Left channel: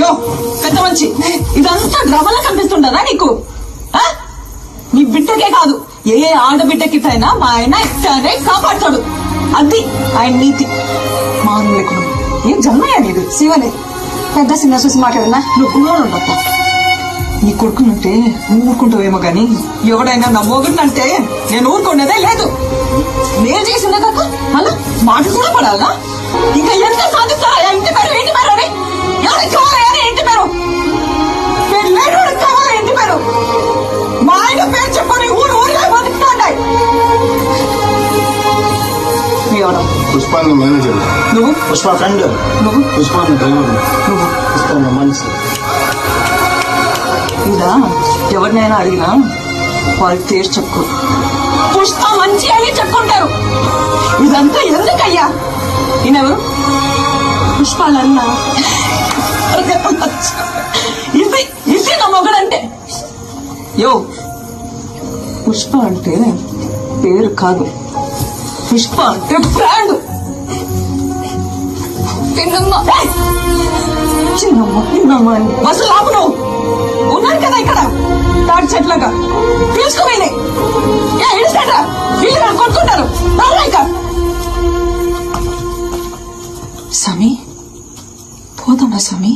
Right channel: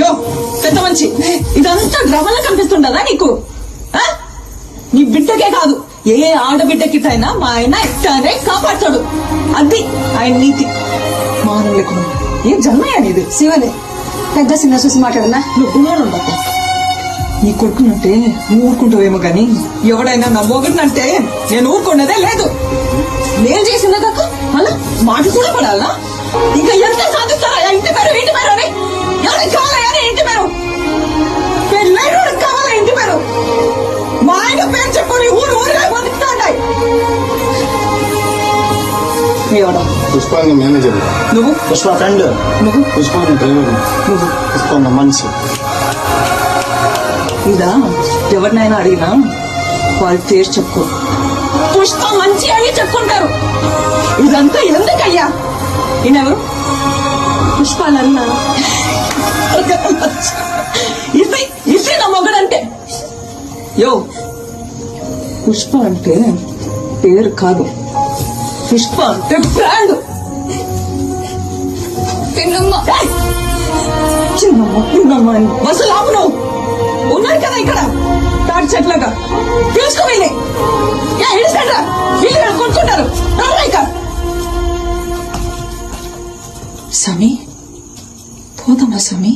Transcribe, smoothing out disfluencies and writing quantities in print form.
యో పెద్ద మంచి ఇదంతా డ్రామాలా కనిపిస్తుండదా నీకు? నీ బిడ్డకే కాదు ఏ ఆడబిడ్డకిటైనా మా ఆయన ఇట్టానే కాపాడతాడు. అది ఆయన నీతి. మానం లేకుండా ఏం జన్మయా నీది? శివలే పెద్ద సినిమా చూసి మాట్లాడనా? నువ్వు ఉండప్ప. నీ కొడుకునంటే నువ్వు ఊరుకుంటావేమో గాని ఎవడైనా నా మొగుడినంటే నేను ఊరుకున్నదే లేదు. నేను చేసిందే కాక మళ్ళా మాట కూడా పడాలా? ఇంకా ఎంత సాధిస్తారా? ఇంటి పేరు ఇంటి పేరు అని ఎవరికి కావాలా? ఇంటి పేరు పెళ్ళైనోడికి కావాలా? ఇంటి పేరు మా ఆయన పేరు చెప్పుకొని ఊరు ఊరిగా బతుకుతాంటాయి. ఎవడా? పుష్ప మేనేజర్. నువ్వు? పుష్ప ఫ్రెండ్. నువ్వు? పుష్ప డ్రైవర్. నువ్వు? పుష్ప మనిషి. ఇదా ఎవరినైనా అడిగినా వాళ్ళు పేరు చెప్పుకో పుష్ప మంచి అని చెప్పుకుంటారు. ఇదంతా ఎందుకయ్యా? ఈయనెవరు? పుష్పాలన్న ఇది ఇది నా మొగడంటే. యో పుష్ప అంటే పేరు కాదు, పుష్ప అంటే బ్రాండ్. చిన్నమ్మ అసలు ఆపు. నువ్వు ఉన్నారు కదా ఇక్కడ తాటి చెట్లగా పీల్చుకోవాలి. వీళ్ళు కొట్టుకుంటారు. సమీ పోదమ్మా సమీ.